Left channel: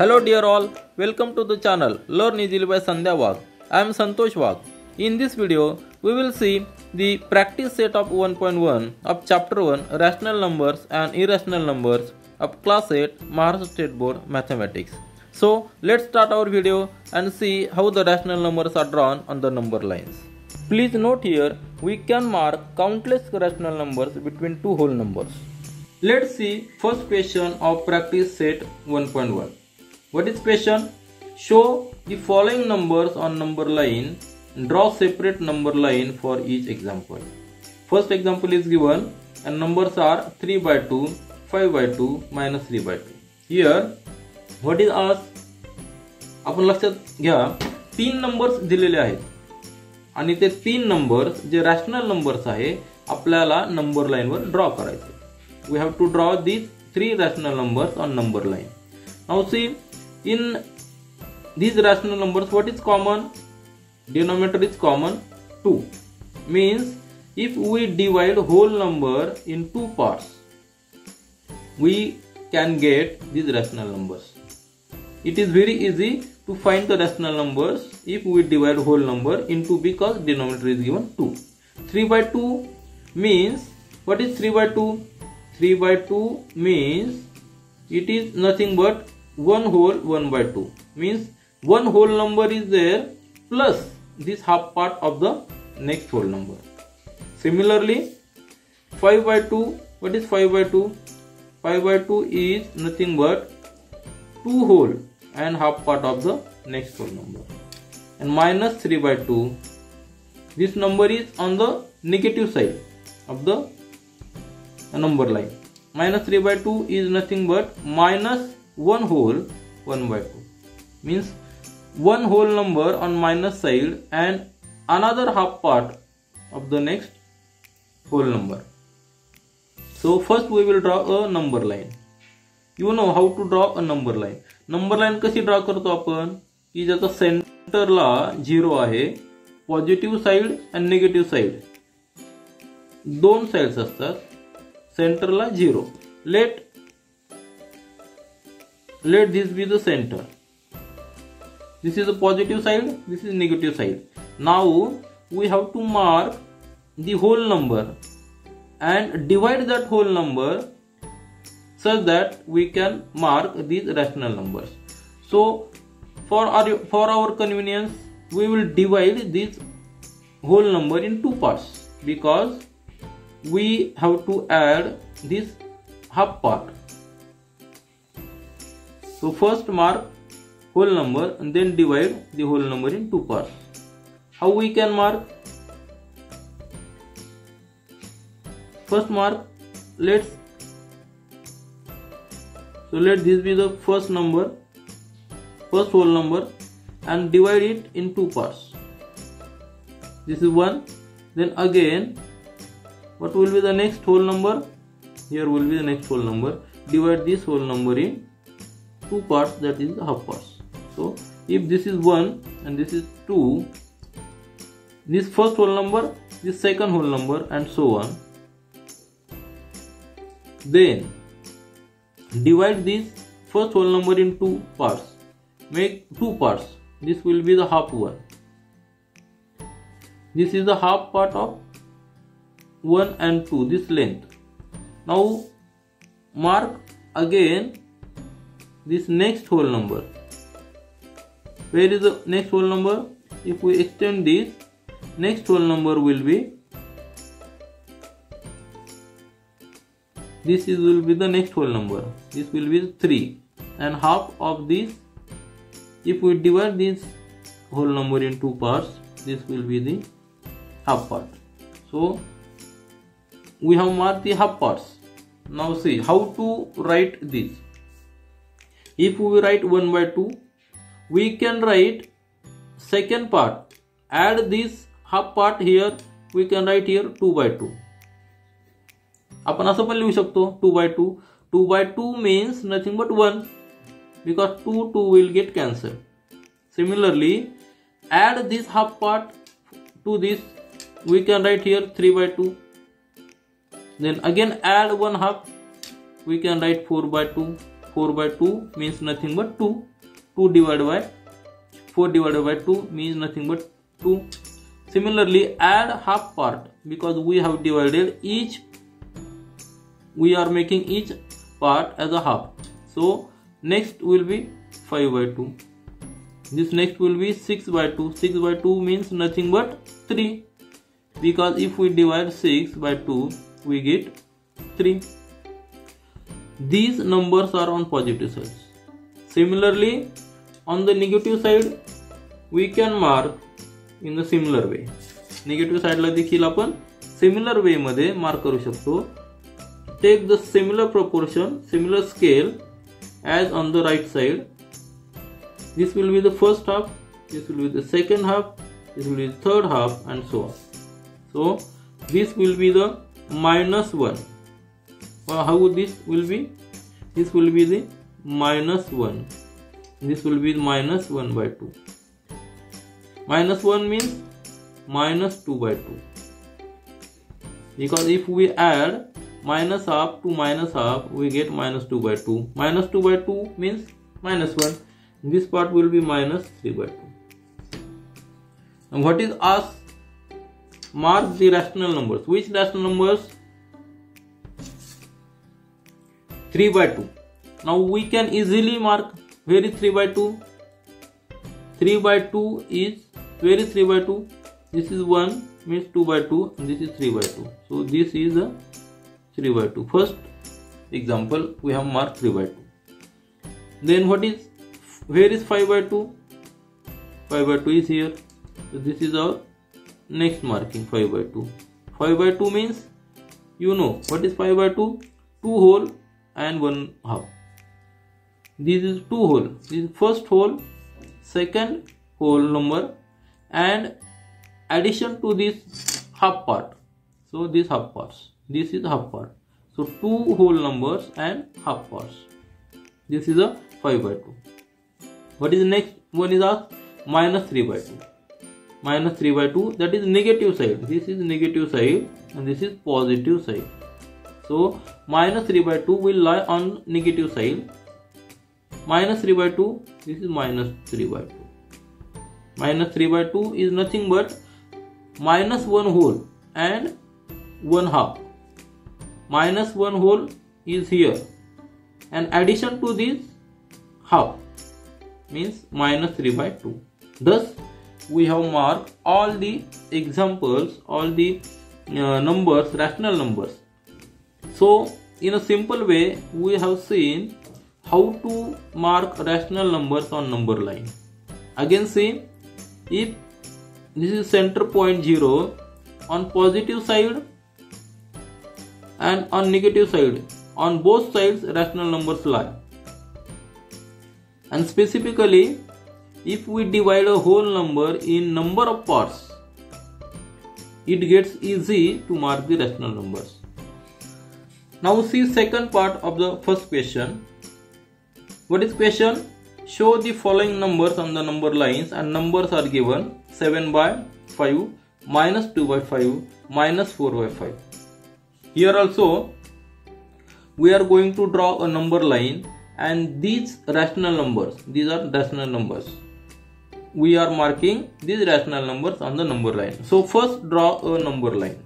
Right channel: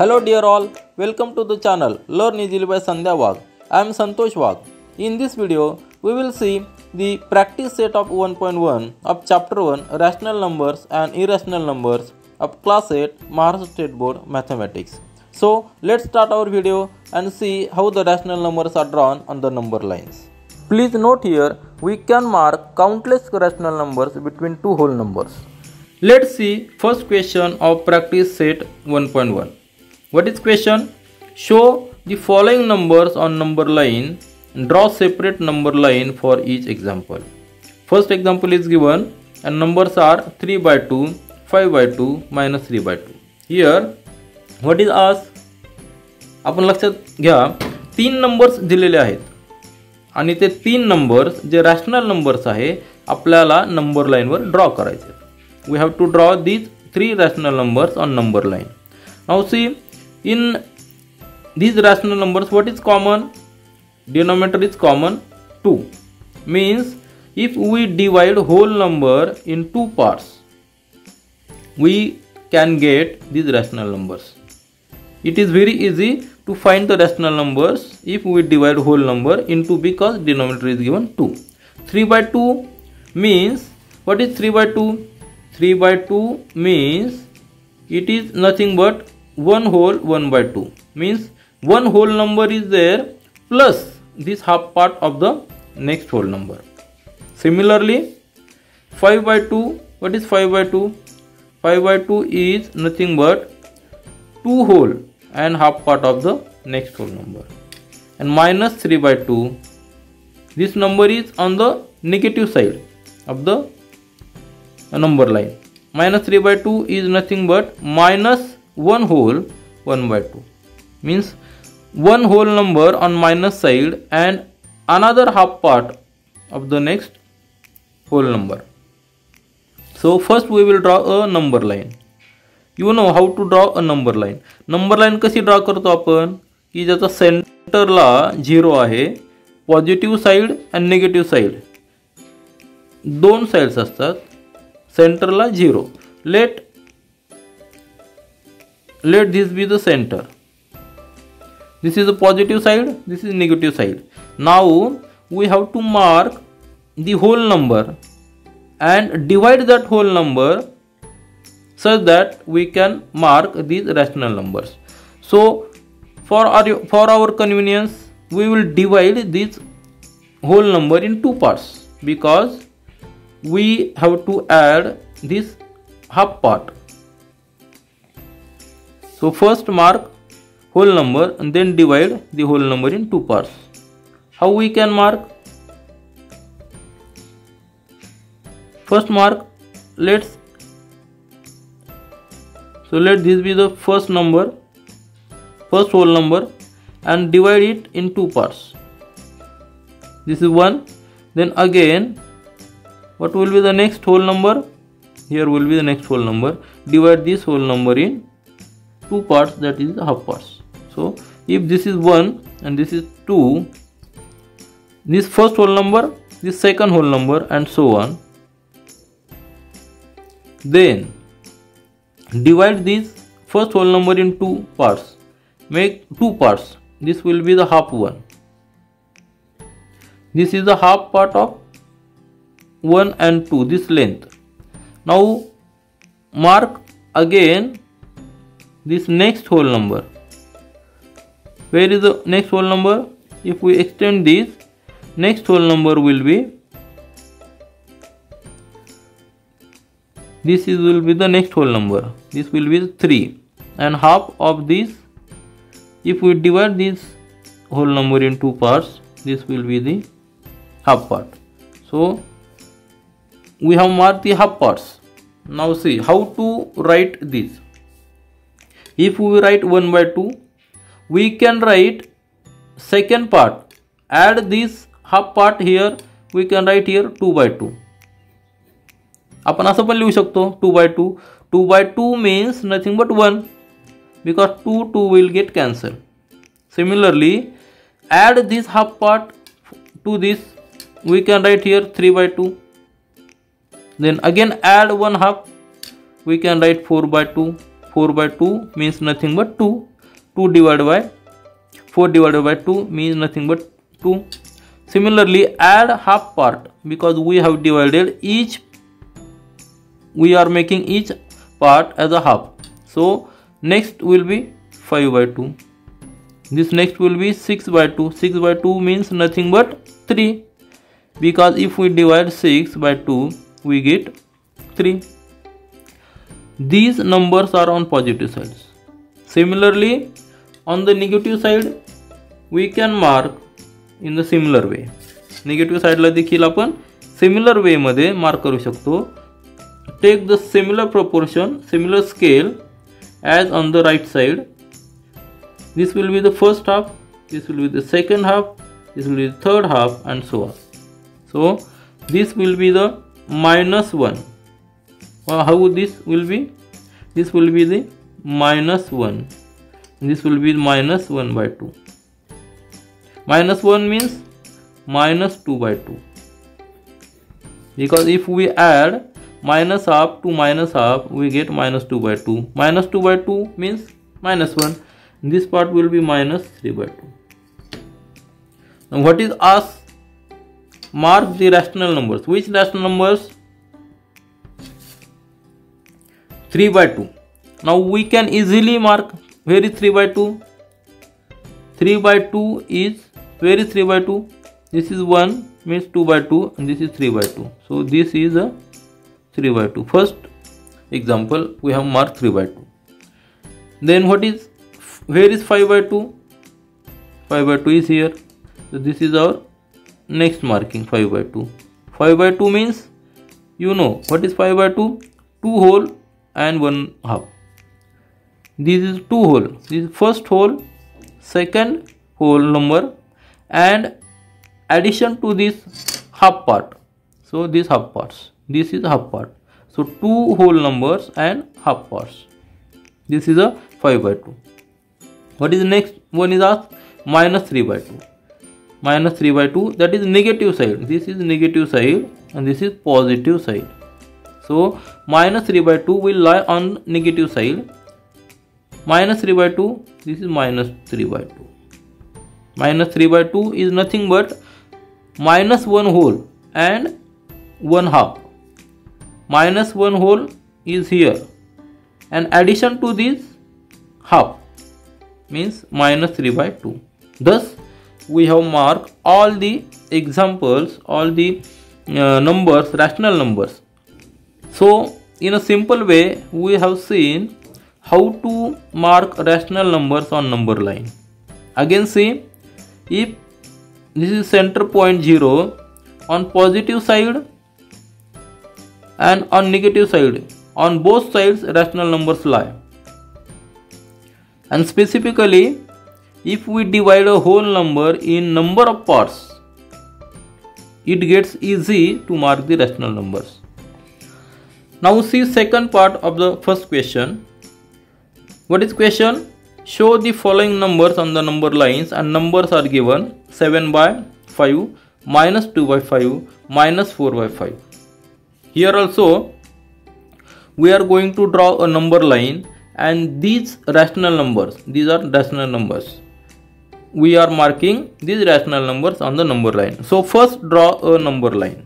Hello dear all, welcome to the channel Learn Easily by Sandhya Wagh. I am Santosh Wagh. In this video, we will see the practice set of 1.1 of chapter 1 Rational Numbers and Irrational Numbers of class 8 Maharashtra State Board Mathematics. So let's start our video and see how the rational numbers are drawn on the number lines. Please note here, we can mark countless rational numbers between two whole numbers. Let's see first question of practice set 1.1. What is question? Show the following numbers on number line. Draw separate number line for each example. First example is given and numbers are 3 by 2, 5 by 2, minus 3 by 2. Here what is asked? आपण लक्षात घ्या, तीन numbers दिलेले आहेत आणि ते तीन numbers जे rational numbers आहे आपल्याला नंबर लाइन वर ड्रॉ करायचे. We have to draw these three rational numbers on number line. Now see, in these rational numbers, what is common? Denominator is common 2. Means if we divide whole number in two parts, we can get these rational numbers. It is very easy to find the rational numbers if we divide whole number into, because denominator is given 2. 3 by 2 means, what is 3 by 2? 3 by 2 means it is nothing but 1 whole 1 by 2. Means one whole number is there plus this half part of the next whole number. Similarly, 5 by 2, what is 5 by 2? 5 by 2 is nothing but 2 whole and half part of the next whole number. And minus 3 by 2, this number is on the negative side of the number line. Minus 3 by 2 is nothing but minus 1 whole 1 by 2. Means one whole number on minus side and another half part of the next whole number. So first we will draw a number line. You know how to draw a number line. Number line कशी draw करतो आपण की ज्याचा सेंटरला 0 आहे, positive side आणि negative side दोन sides असतात, सेंटरला 0. Let this be the center. This is the positive side, this is negative side. Now we have to mark the whole number and divide that whole number such that we can mark these rational numbers. So for our convenience, we will divide this whole number in two parts, because we have to add this half part. So first mark whole number and then divide the whole number in two parts. How we can mark? First mark, let this be the first number, first whole number, and divide it in two parts. This is 1. Then again, what will be the next whole number? Here will be the next whole number. Divide this whole number in two parts, that is half parts. So if this is 1 and this is 2, this first whole number, this second whole number, and so on. Then divide this first whole number in two parts. Make two parts. This will be the half 1. This is the half part of 1 and 2, this length. Now mark again this next whole number. Where is the next whole number? If we extend this, next whole number will be, this will be the next whole number. This will be 3, and half of this, if we divide this whole number in two parts, this will be the half part. So we have marked the half parts. Now see how to write this. If we write 1 by 2, we can write second part. Add this half part here, we can write here 2 by 2. आपण असं पण लिहू शकतो 2 by 2. 2 by 2 means nothing but 1, because 2 will get cancelled. Similarly, add this half part to this, we can write here 3 by 2. Then again add one half, we can write 4 by 2. 4 by 2 means nothing but 2, 2 divided by 4 divided by 2 means nothing but 2. Similarly, add half part, because we have divided each, we are making each part as a half. So next will be 5 by 2. This next will be 6 by 2. 6 by 2 means nothing but 3, because if we divide 6 by 2 we get 3. These numbers are on positive sides. Similarly, on the negative side we can mark in the similar way. Negative side ला देखील आपण similar way मध्ये mark करू शकतो. Take the similar proportion, similar scale as on the right side. This will be the first half, this will be the second half, this will be the third half, and so on. So this will be the minus 1. How this will be? This will be the minus 1. This will be minus 1 by 2. Minus 1 means minus 2 by 2. Because if we add minus half to minus half, we get minus 2 by 2. Minus 2 by 2 means minus 1. This part will be minus 3 by 2. Now what is asked? Mark the rational numbers. Which rational numbers? 3 by 2. Now we can easily mark. Where is 3 by 2? 3 by 2 is, where is 3 by 2? This is 1 means 2 by 2, and this is 3 by 2. So this is a 3 by 2. First example we have marked 3 by 2. Then what is, where is 5 by 2? 5 by 2 is here. So this is our next marking, 5 by 2. 5 by 2 means, you know what is 5 by 2? 2 whole and 1 half. This is 2 whole. This is first whole, second whole number, and addition to this half part. So this half parts. This is half part. So 2 whole numbers and half parts. This is a 5 by 2. What is the next one is asked? Minus 3 by 2. Minus 3 by 2, that is negative side. This is negative side and this is positive side. So minus 3 by 2 will lie on negative side. Minus 3 by 2, this is minus 3 by 2. Minus 3 by 2 is nothing but minus 1 whole and 1 half. Minus 1 whole is here, and addition to this half means minus 3 by 2. Thus we have marked all the examples, all the numbers, rational numbers. So in a simple way we have seen how to mark rational numbers on number line. Again see, if this is center point 0, on positive side and on negative side, on both sides rational numbers lie. And specifically, if we divide a whole number in number of parts, it gets easy to mark the rational numbers. Now see second part of the first question. What is question? Show the following numbers on the number lines, and numbers are given 7 by 5, minus 2 by 5, minus 4 by 5. Here also we are going to draw a number line, and these rational numbers, these are rational numbers. We are marking these rational numbers on the number line. So first draw a number line.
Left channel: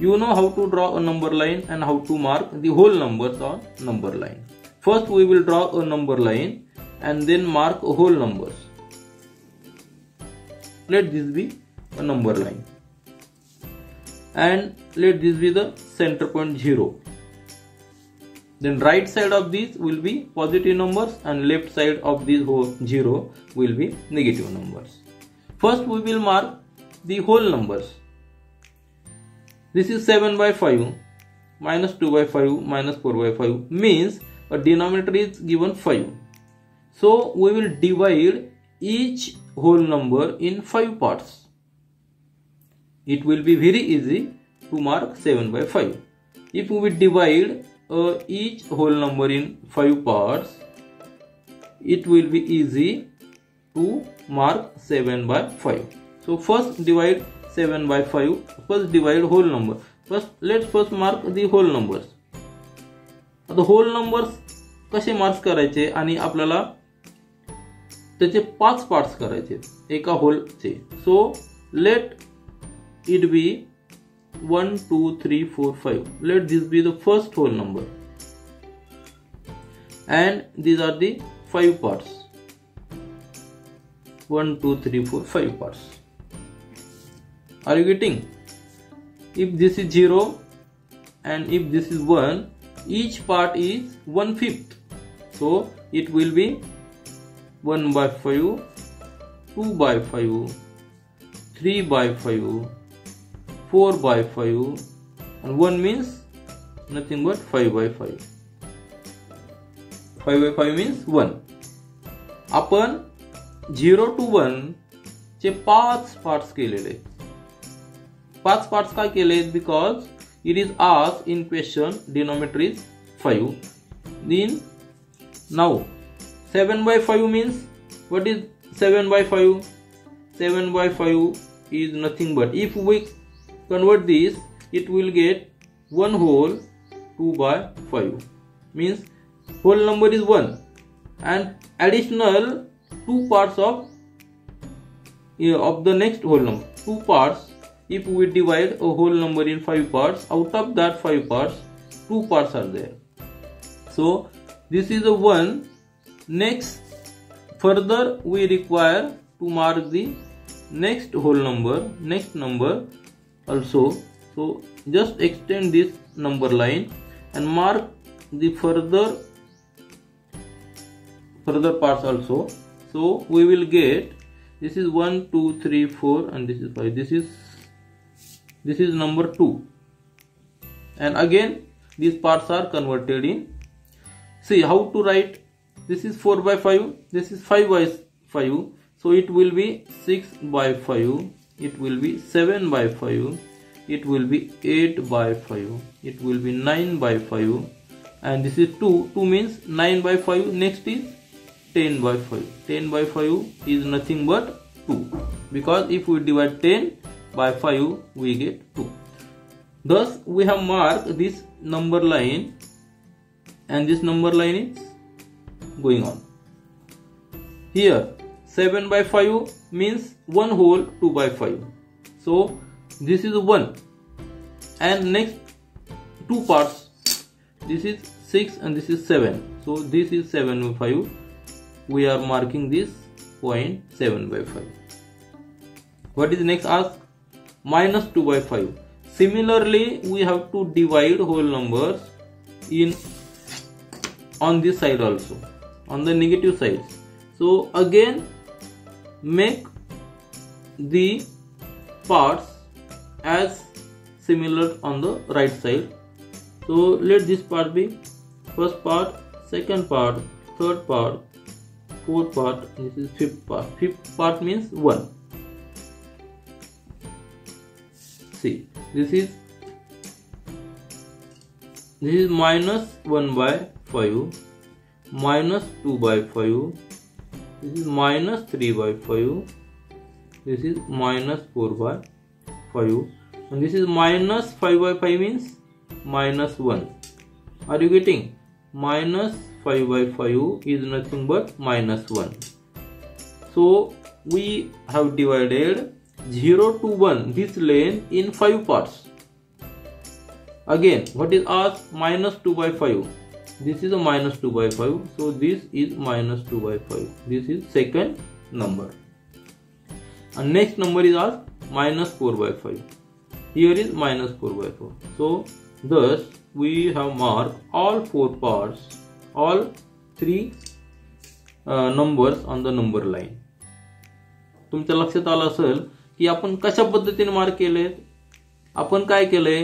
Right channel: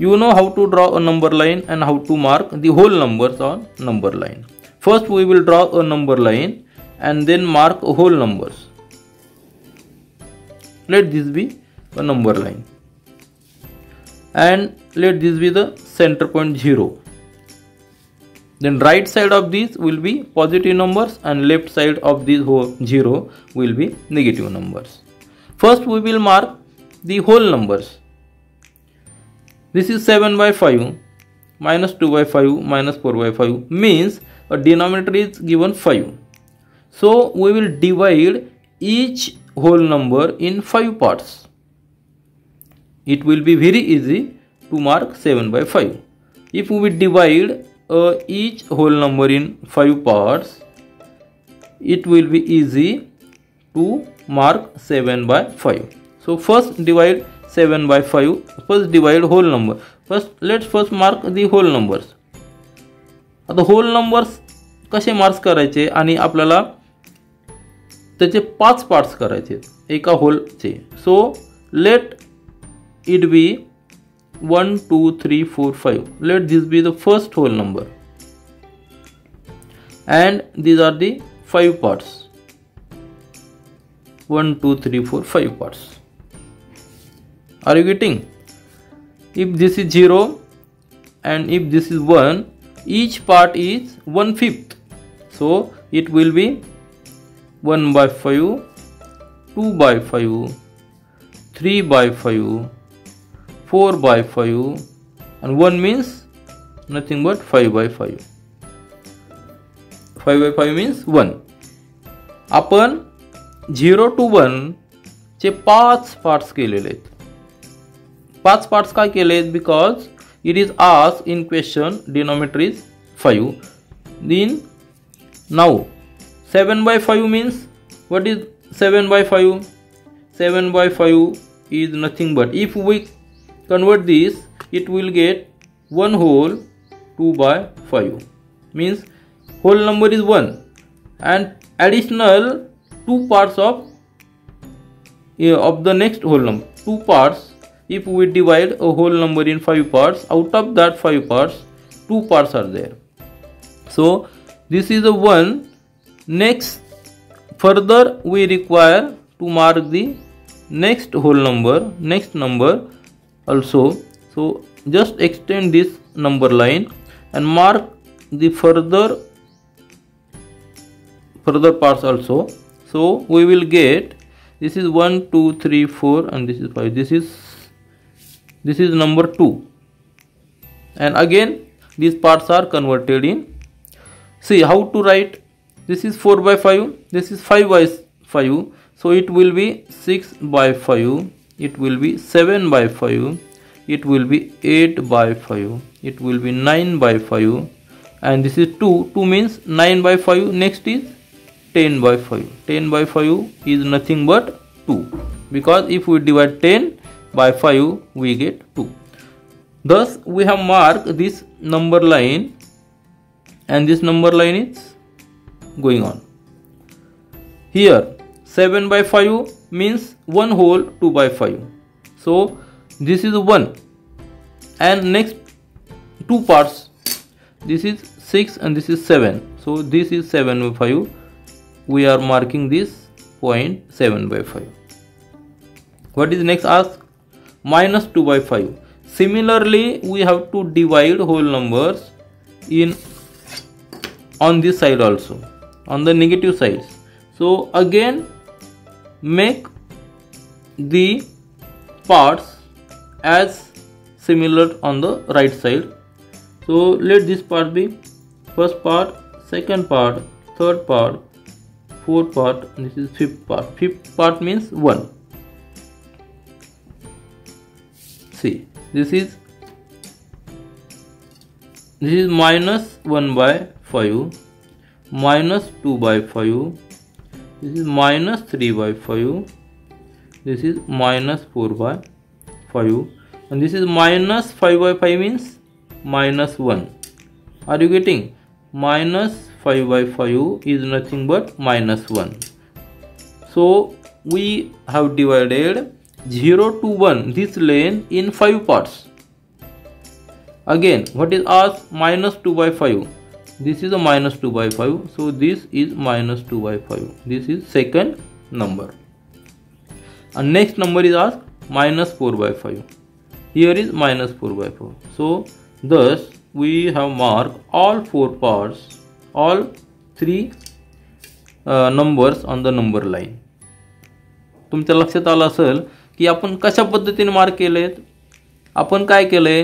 You know how to draw a number line and how to mark the whole numbers on number line. First we will draw a number line and then mark whole numbers. Let this be a number line, and let this be the center point 0. Then right side of these will be positive numbers and left side of this whole 0 will be negative numbers. First we will mark the whole numbers. This is 7 by 5, minus 2 by 5, minus 4 by 5 means a denominator is given 5. So we will divide each whole number in 5 parts. It will be very easy to mark 7 by 5. If we divide each whole number in 5 parts, it will be easy to mark 7 by 5. So first divide 7 by 5. First divide whole number. Let's first mark the whole numbers. The whole numbers कसे marks करायचे आणि आपल्याला त्याचे 5 parts करायचे एका होलचे. So let it be 1 2 3 4 5. Let this be the first whole number and these are the 5 parts. 1 2 3 4 5 parts. Are you getting? If this is 0 and if this is 1, each part is 1/5. So it will be 1/5, 2/5, 3/5, 4/5, and 1 means nothing but 5/5. 5/5 means 1. आपण 0 to 1 चे 5 parts केलेले आहेत. 5 parts का केले आहेत? Because it is asked in question denominator is 5. Then now 7/5 means what is 7/5? 7/5 is nothing but, if we convert this, it will get 1 whole 2/5 means whole number is 1 and additional 2 parts of the next whole number. 2 parts. If we divide a whole number in 5 parts, out of that 5 parts, 2 parts are there. So this is the one. Next, further we require to mark the next whole number, next number also. So just extend this number line and mark the further parts also. So we will get, this is 1 2 3 4 and this is 5. This is number 2, and again these parts are converted in. See how to write. This is 4/5, this is 5/5, so it will be 6/5, it will be 7/5, it will be 8/5, it will be 9/5, and this is 2. 2 means 9/5. Next is 10/5. 10/5 is nothing but 2, because if we divide 10 by 5 we get 2. Thus we have marked this number line, and this number line is going on. Here 7/5 means 1 whole 2/5. So this is 1, and next 2 parts, this is 6 and this is 7. So this is 7/5. We are marking this point 7/5. What is next asked? Minus 2/5. Similarly, we have to divide whole numbers in on this side also, on the negative sides. So again make the parts as similar on the right side. So let this part be first part, second part, third part, fourth part, and this is fifth part. Fifth part means 1. See, this is minus 1/5, minus 2/5, this is minus 3/5, this is minus 4/5, and this is minus 5/5 means minus 1. Are you getting? Minus 5/5 is nothing but minus 1. So we have divided 0 to 1 this length in 5 parts. Again, what is asked? Minus 2/5. This is a minus 2/5. So this is minus 2/5. This is second number. And next number is asked minus 4/5. Here is minus 4/4. So thus we have marked all 4 parts, all 3 numbers on the number line. तुमच्या लक्षात आलं असेल की आपण कशा पद्धतीने mark केलेत. आपण काय केलंय,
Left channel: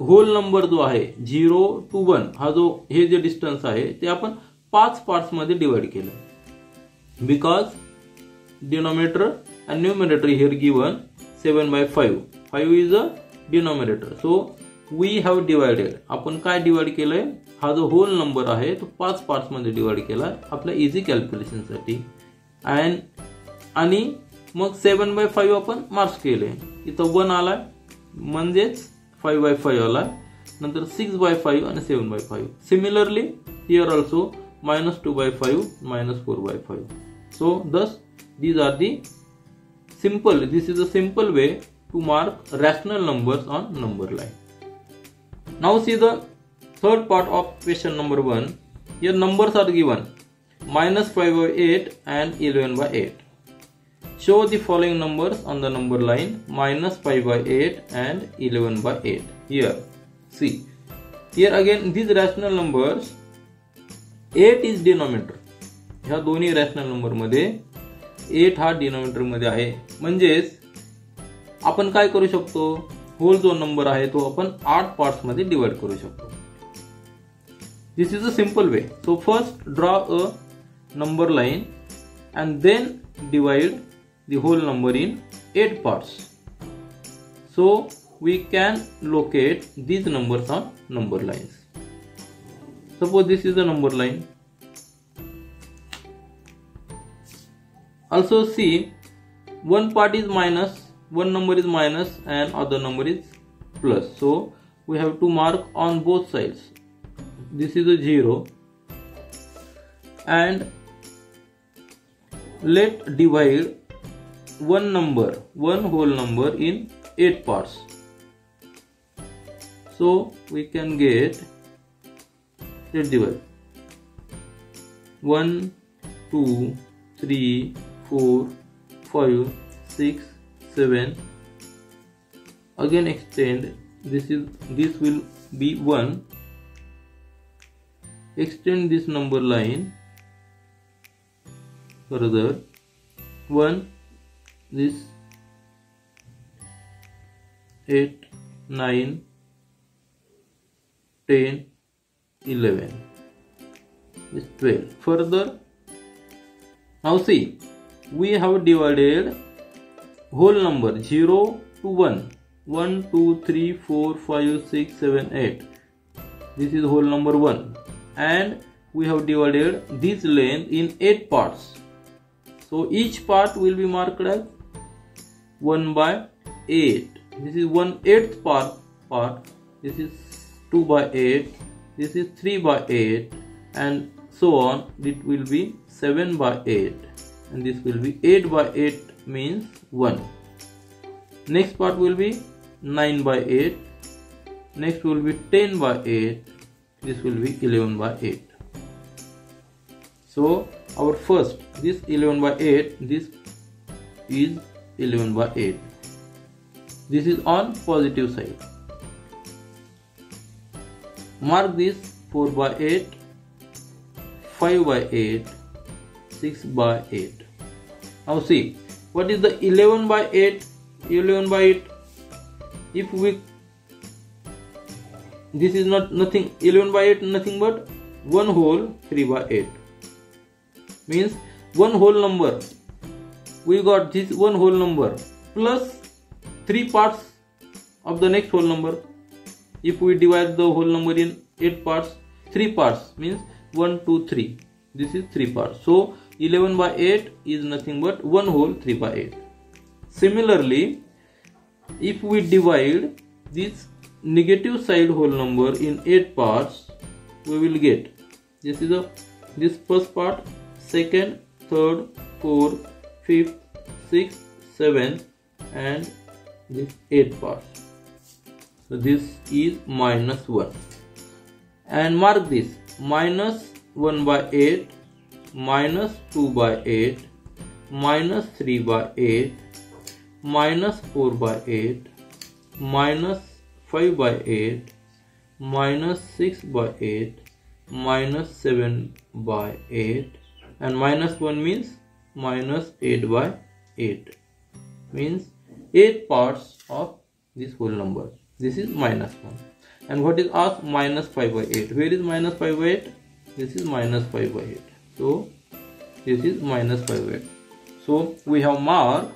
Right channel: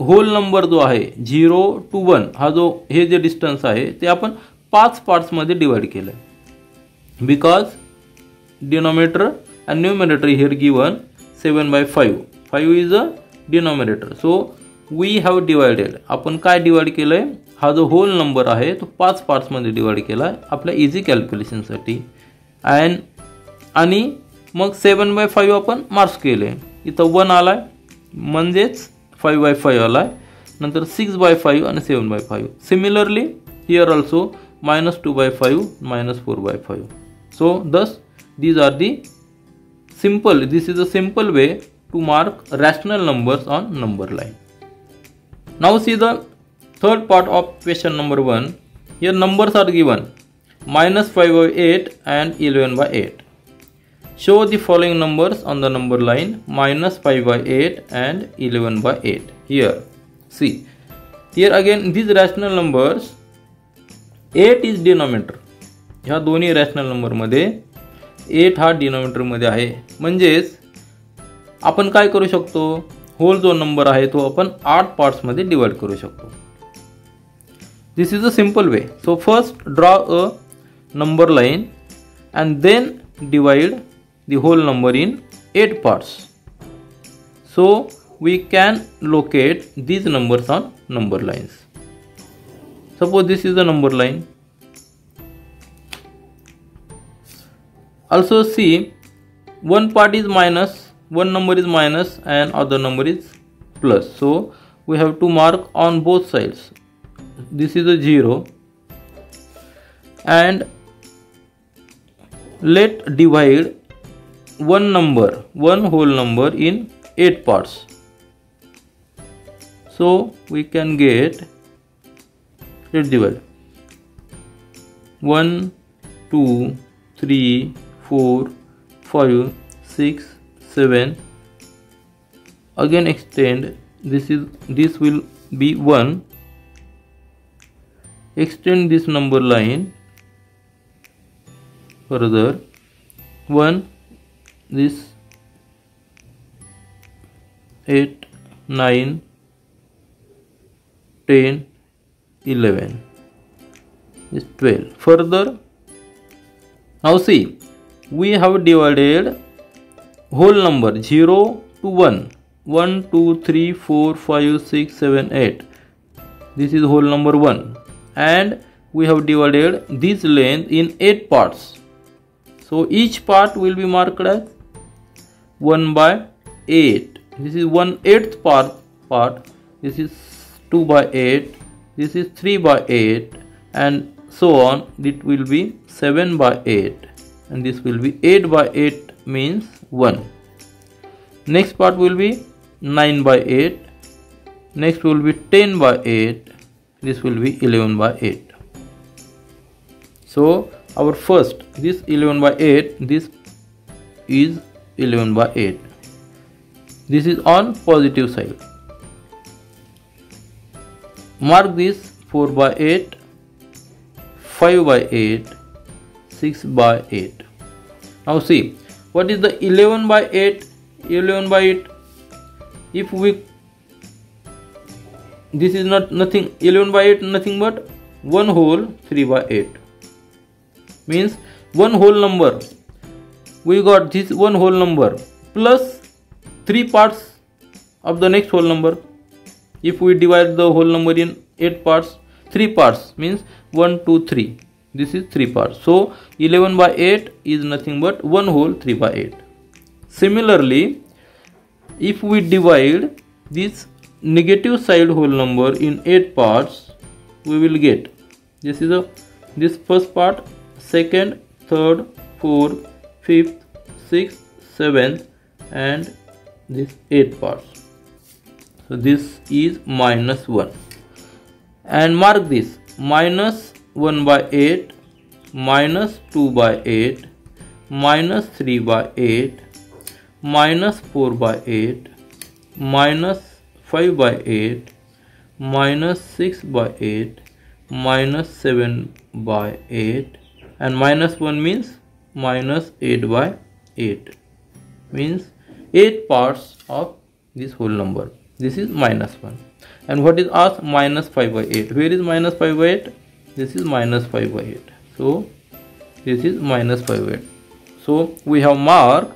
होल नंबर जो आहे 0 to 1 हा जो हे जे डिस्टन्स आहे ते आपण 5 पार्ट्स मध्ये डिवाइड केलंय. Because denominator and numerator here given 7/5. 5 is a denominator. So we have divided. आपण काय डिवाइड केलंय, हा जो होल नंबर आहे तो 5 पार्ट्स मध्ये डिवाइड केलाय आपल्या इझी कॅल्क्युलेशन साठी. आणि मग 7/5 आपण मार्क्स केले. इथं 1 आलाय म्हणजेच 5/5 आलाय, नंतर 6/5 आणि 7/5. Similarly here also minus 2/5, minus 4/5. So thus these are the simple, this is a simple way to mark rational numbers on number line. Now see the third part of question number 1. Here numbers are given minus 5 by 8 and 11 by 8. Show the following numbers on the number line minus 5 by 8 and 11 by 8. Here see, here again these rational numbers, 8 is denominator. ह्या दोन्ही rational number मध्ये 8 हा denominator मध्ये आहे. म्हणजेच आपण काय करू शकतो, होल जो नंबर आहे तो आपण 8 पार्ट्स मध्ये डिवाइड करू शकतो. This is a simple way. So first draw a number line and then divide the whole number in 8 parts. So we can locate these numbers on number lines. Suppose this is the number line. Also see, one part is minus, one number is minus and other number is plus. So we have to mark on both sides. This is a 0 and let divide one number, one whole number in 8 parts. So we can get, let's divide 1, 2, 3, 4, 5, 6, 7. Again extend, this will be 1. Extend this number line further, 1, this 8, 9, 10, 11, this 12. Further, now see, we have divided whole number 0 to 1, 1, 2, 3, 4, 5, 6, 7, 8. This is whole number 1 and we have divided this length in 8 parts. So each part will be marked as 1 by 8. This is 1/8 part. This is 2 by 8. This is 3 by 8 and so on. It will be 7 by 8 and this will be 8 by 8 means 1. Next part will be 9 by 8. Next will be 10 by 8. This will be 11 by 8. So our first, this 11 by 8, this is 11 by 8. This is on positive side. Mark this 4 by 8, 5 by 8, 6 by 8. Now see, what is the 11 by 8? 11 by 8. If we, this is not nothing, 11 by 8 nothing but 1 whole 3 by 8. Means one whole number, we got this one whole number plus 3 parts of the next whole number. If we divide the whole number in 8 parts, 3 parts means 1, 2, 3. This is 3 parts. So 11 by 8 is nothing but 1 whole 3 by 8. Similarly, if we divide this negative side whole number in 8 parts, we will get, this first part, second, third, fourth, fifth, sixth, seventh and this 8 parts. So this is minus 1 and mark this minus 1 by 8, minus 2 by 8, minus 3 by 8, minus 4 by 8, minus 5 by 8, minus 6 by 8, minus 7 by 8 and minus 1 means minus 8 by 8 means 8 parts of this whole number. This is minus 1. And what is asked? Minus 5 by 8. Where is minus 5 by 8? This is minus 5 by 8. So this is minus 5 by 8. So we have marked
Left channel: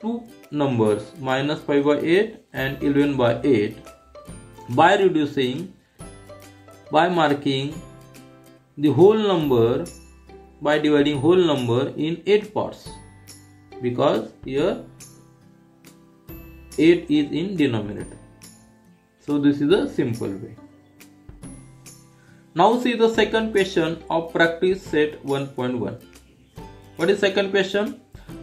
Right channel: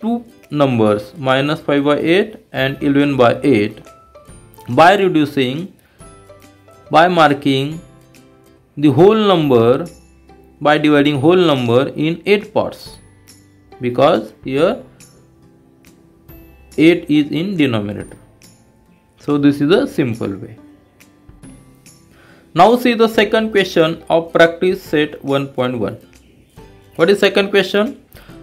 two numbers minus 5 by 8 and 11 by 8 by reducing, by marking the whole number, by dividing whole number in 8 parts, because here 8 is in denominator. So this is a simple way. Now see the second question of practice set 1.1. What is second question?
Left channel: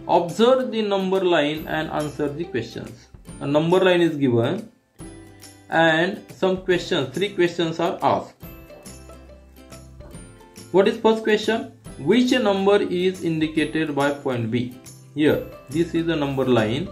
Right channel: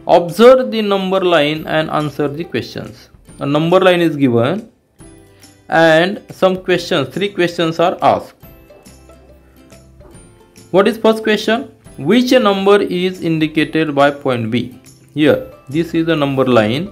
Observe the number line and answer the questions. A number line is given and some questions, 3 questions are asked. What is first question? Which number is indicated by point B? Here, this is the number line.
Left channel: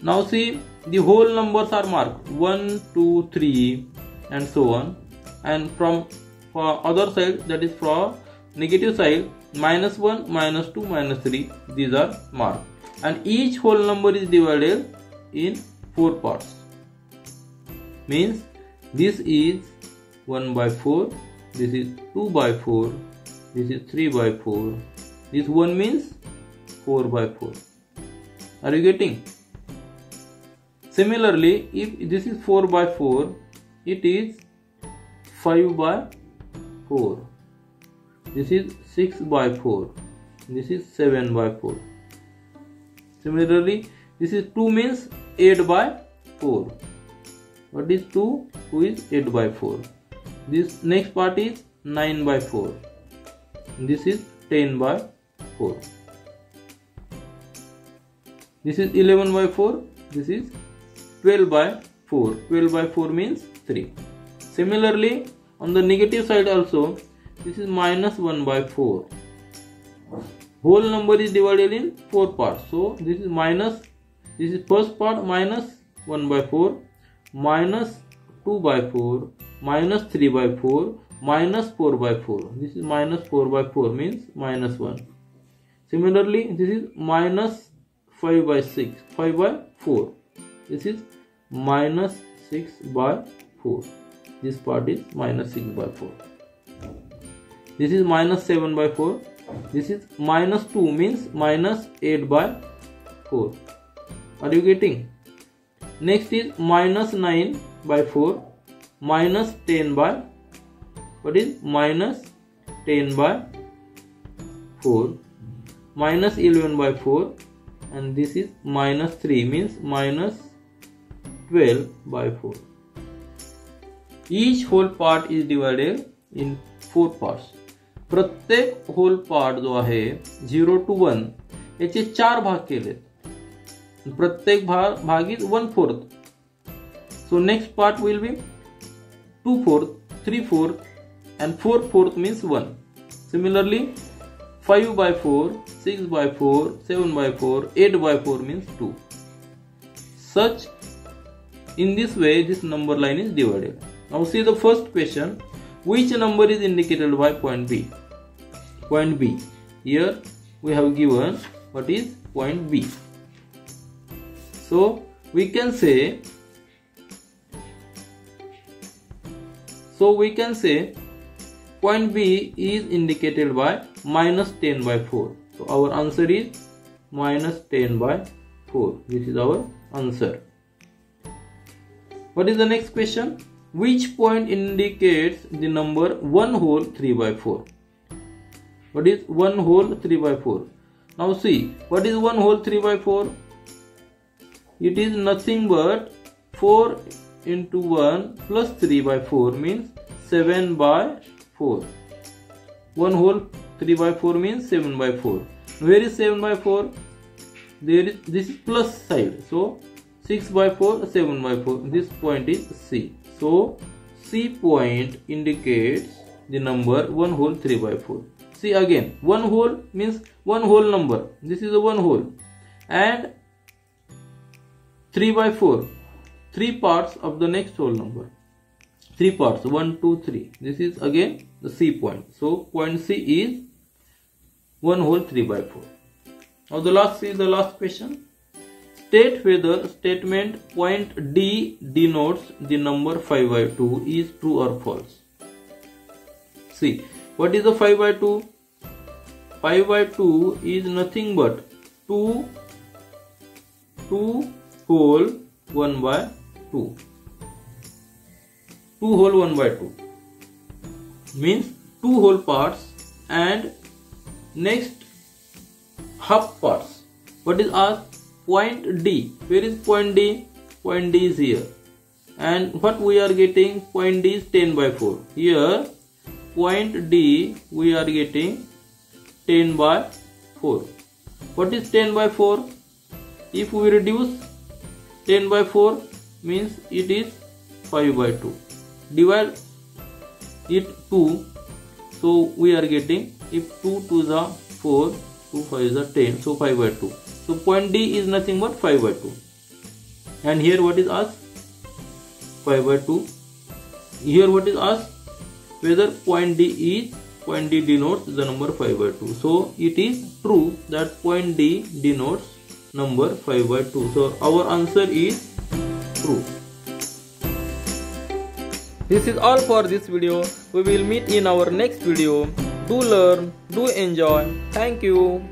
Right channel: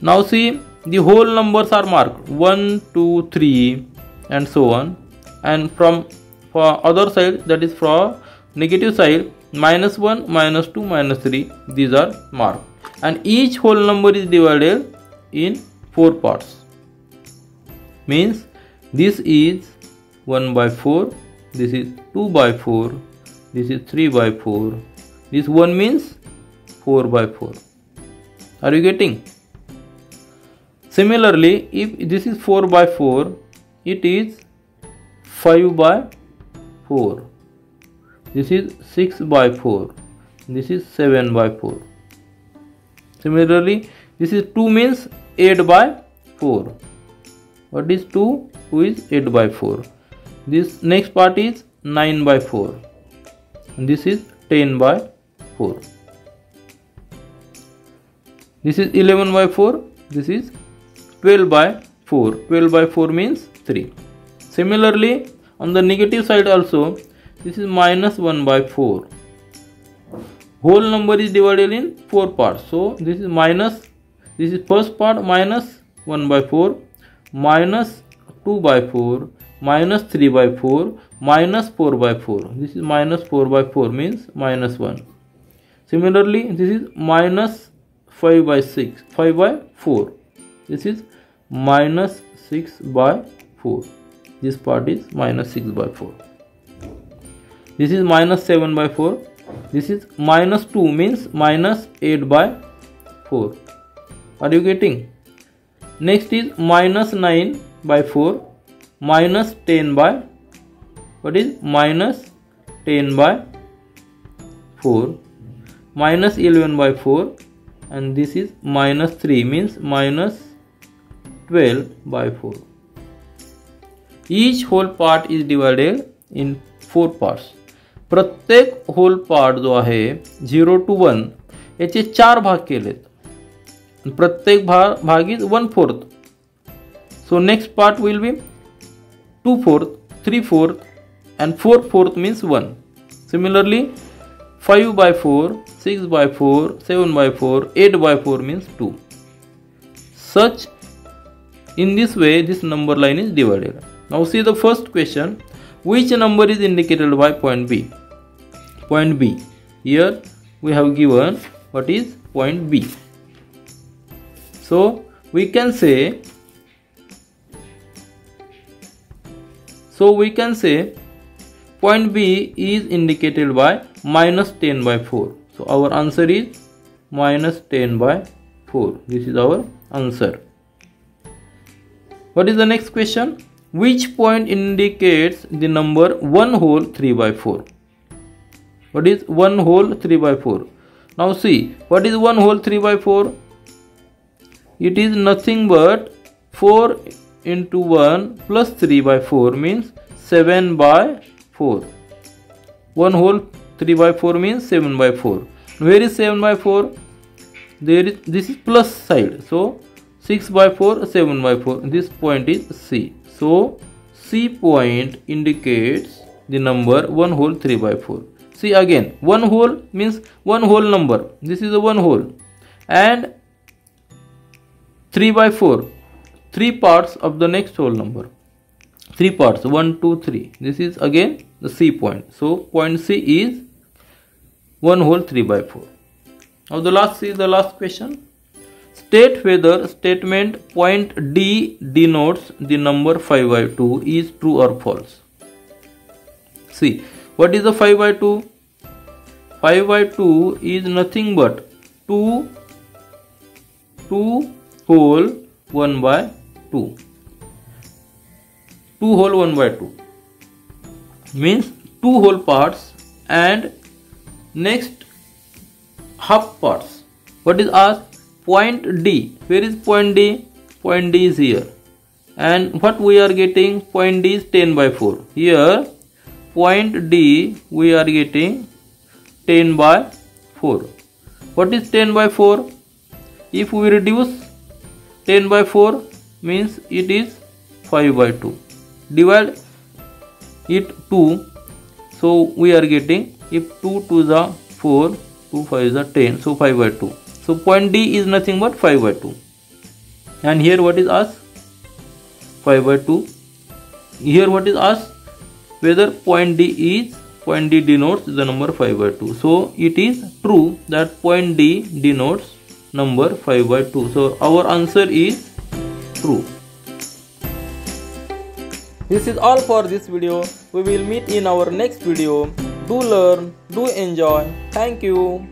Now see, the whole numbers are marked 1, 2, 3 and so on. And from for other side, that is from negative side, -1, -2, -3, these are marked. And each whole number is divided in 4 parts. Means this is 1 by 4, this is 2 by 4, this is 3 by 4, this 1 means 4 by 4. Are you getting? Similarly, if this is 4 by 4, it is 5 by 4. This is 6 by 4. This is 7 by 4. Similarly, this is 2 means 8 by 4. What is 2? 2 is 8 by 4. This next part is 9 by 4. And this is 10 by 4. This is 11 by 4. This is 12 by 4. 12 by 4 means 3. Similarly, on the negative side also, this is -1 by 4. Whole number is divided in 4 parts. So this is this is first part -1 by 4, -2 by 4, -3 by 4, -4 by 4. This is -4 by 4 means -1. Similarly, this is -5 by 6, 5 by 4. This is -6 by 4. This part is -6 by 4. This is -7 by 4. This is -2 means -8 by 4. Are you getting? Next is -9 by 4, -10 by, what is -10 by 4, -11 by 4, and this is -3 means -12 by 4. Each whole part is divided in 4 parts. प्रत्येक whole part जो आहे 0 to 1 याचे 4 भाग केलेत. प्रत्येक भाग is 1/4. So next part will be 2/4, 3/4 and 4/4 means 1. Similarly, 5 by 4, 6 by 4, 7 by 4, 8 by 4 means 2. Such in this way this number line is divided. Now see the first question. Which number is indicated by point B? Point B. Here we have given what is point B. So we can say point B is indicated by -10 by 4. So our answer is -10 by 4. This is our answer. What is the next question? Which point indicates the number 1 whole 3 by 4? What is 1 whole 3 by 4? Now see, what is 1 whole 3 by 4? It is nothing but 4 into 1 plus 3 by 4 means 7 by 4. 1 whole 3 by 4 means 7 by 4. Where is 7 by 4? This is plus side. So 6 by 4, 7 by 4. This point is C. So C point indicates the number 1 whole 3 by 4. See again, 1 whole means 1 whole number. This is a 1 whole. And 3 by 4, 3 parts of the next whole number. 3 parts, 1, 2, 3. This is again the C point. So point C is 1 whole 3 by 4. Now the last question. State whether statement point D denotes the number 5 by 2 is true or false. See, what is the 5 by 2? 5 by 2 is nothing but 2 whole 1 by 2. 2 whole 1 by 2 means 2 whole parts and next half parts. What is asked? Point D. Where is point D? Point D is here. And what we are getting? Point D is 10 by 4. Here, point D we are getting 10 by 4. What is 10 by 4? If we reduce 10 by 4 means it is 5 by 2. Divide it 2. So we are getting, if 2 to the 4, 2 5 is the 10, so 5 by 2. So point D is nothing but 5 by 2. And here what is asked? 5 by 2. Here what is asked? Whether point D denotes the number 5 by 2. So it is true that point D denotes number 5 by 2. So our answer is true. This is all for this video. We will meet in our next video. Do learn, do enjoy. Thank you.